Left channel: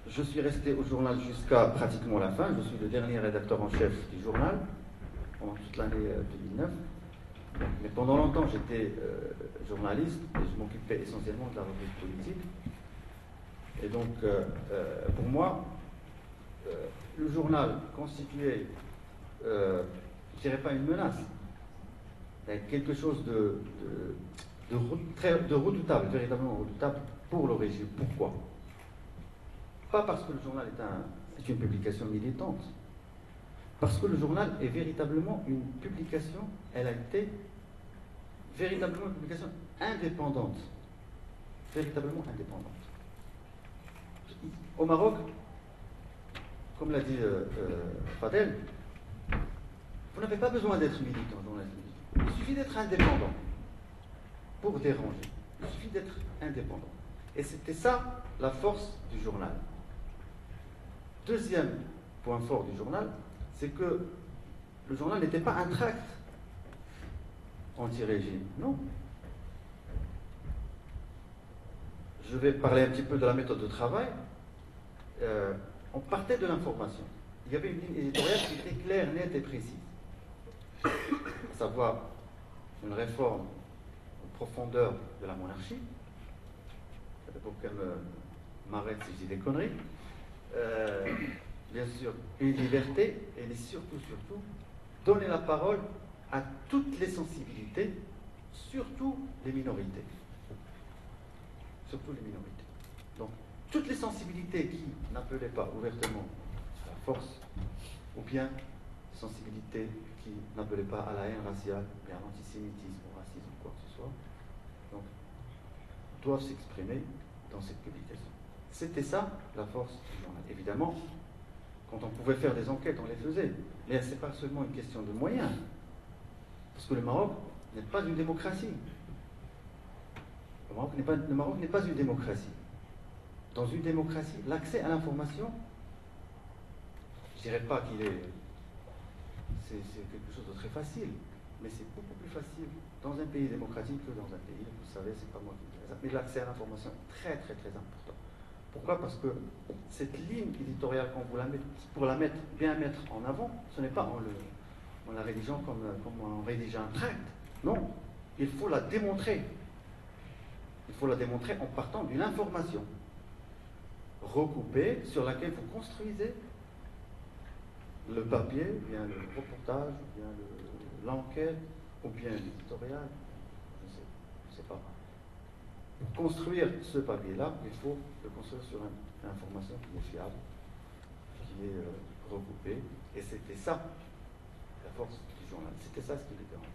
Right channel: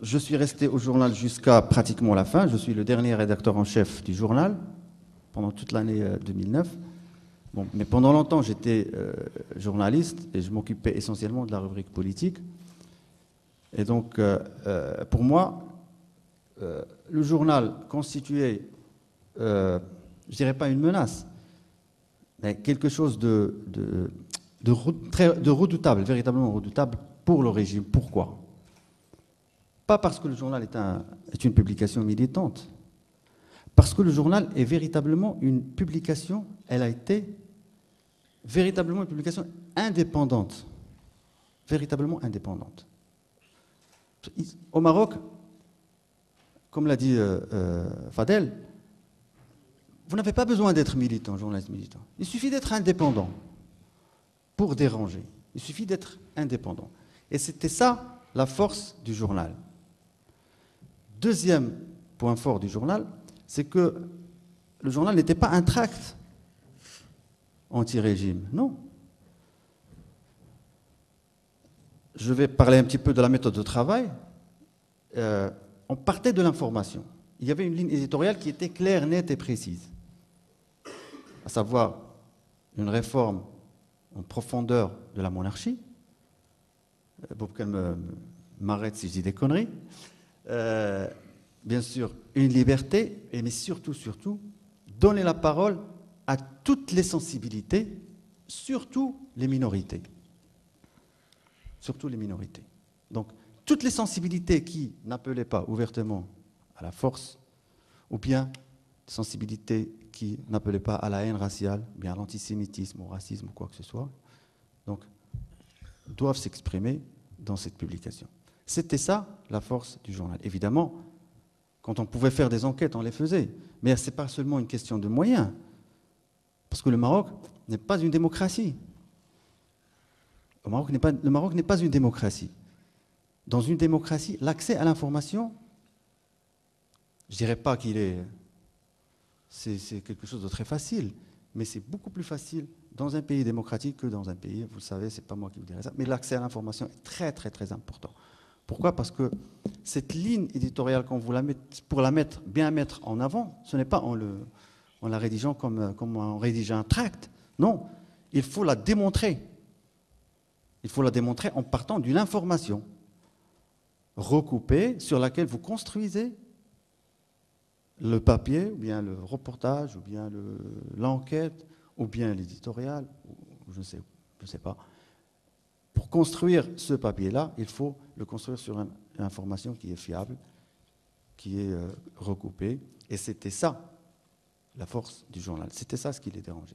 Je suis resté au journal jusqu'à pratiquement la fin. Je suis le dernier rédacteur en chef du journal pendant toute l'année 2009. Bon, mais pendant longtemps, j'étais journaliste et je m'occupais essentiellement de la rubrique politique. Et donc, pour moi, le journal constituait, je dirais pas une menace, mais quelque chose de redoutable, véritablement redoutable pour le régime. Pourquoi? Pas parce que le journal est une publication militante, parce que le journal est véritablement une publication, elle a été véritablement une publication indépendante, véritablement indépendante. Au Maroc, comme l'a dit Fadel, vous n'avez pas besoin d'être militant, journaliste militant. Il suffit d'être indépendant pour déranger. Il suffit d'être indépendant. Et c'était ça la force du journal. Deuxième point fort du journal, c'est que le journal n'était pas un tract anti-régime, non. Je vais parler un petit peu de la méthode de travail. On partait de l'information. Il y avait une ligne éditoriale qui était claire, nette et précise. À savoir une réforme en profondeur de la monarchie. Pour qu'elle m'arrête si je dis des conneries. Bien sûr, une liberté, et mais surtout, donner la parole à toutes les sensibilités, surtout les minorités. Surtout les minorités. Donc, toutes les sensibilités qui n'appelaient pas ouvertement à la force, ou bien sensibilités qui n'appelaient pas à la haine raciale, ou bien à l'antisémitisme, au racisme, quoi que ce soit, donc, doivent s'exprimer dans cette publication. C'était ça, la force du journal. Évidemment, quand on pouvait faire des enquêtes, on les faisait. Mais ce n'est pas seulement une question de moyens. Parce que le Maroc n'est pas une démocratie. Le Maroc n'est pas une démocratie. Dans une démocratie, l'accès à l'information, je ne dirais pas qu'il est... C'est quelque chose de très facile. Mais c'est beaucoup plus facile dans un pays démocratique que dans un pays, vous le savez, c'est pas moi qui vous dirais ça, mais l'accès à l'information est très très très important. Pourquoi? Parce que cette ligne éditoriale, quand vous la mettez, pour la mettre, bien mettre en avant, ce n'est pas en la rédigeant comme on rédige un tract. Non, il faut la démontrer. Il faut la démontrer en partant d'une information recoupée sur laquelle vous construisez le papier, ou bien le reportage, ou bien l'enquête, ou bien l'éditorial, je ne sais pas. Pour construire ce papier-là, il faut le construire sur une information qui est fiable, qui est recoupée. Et c'était ça, la force du journal. C'était ça ce qui les dérangeait.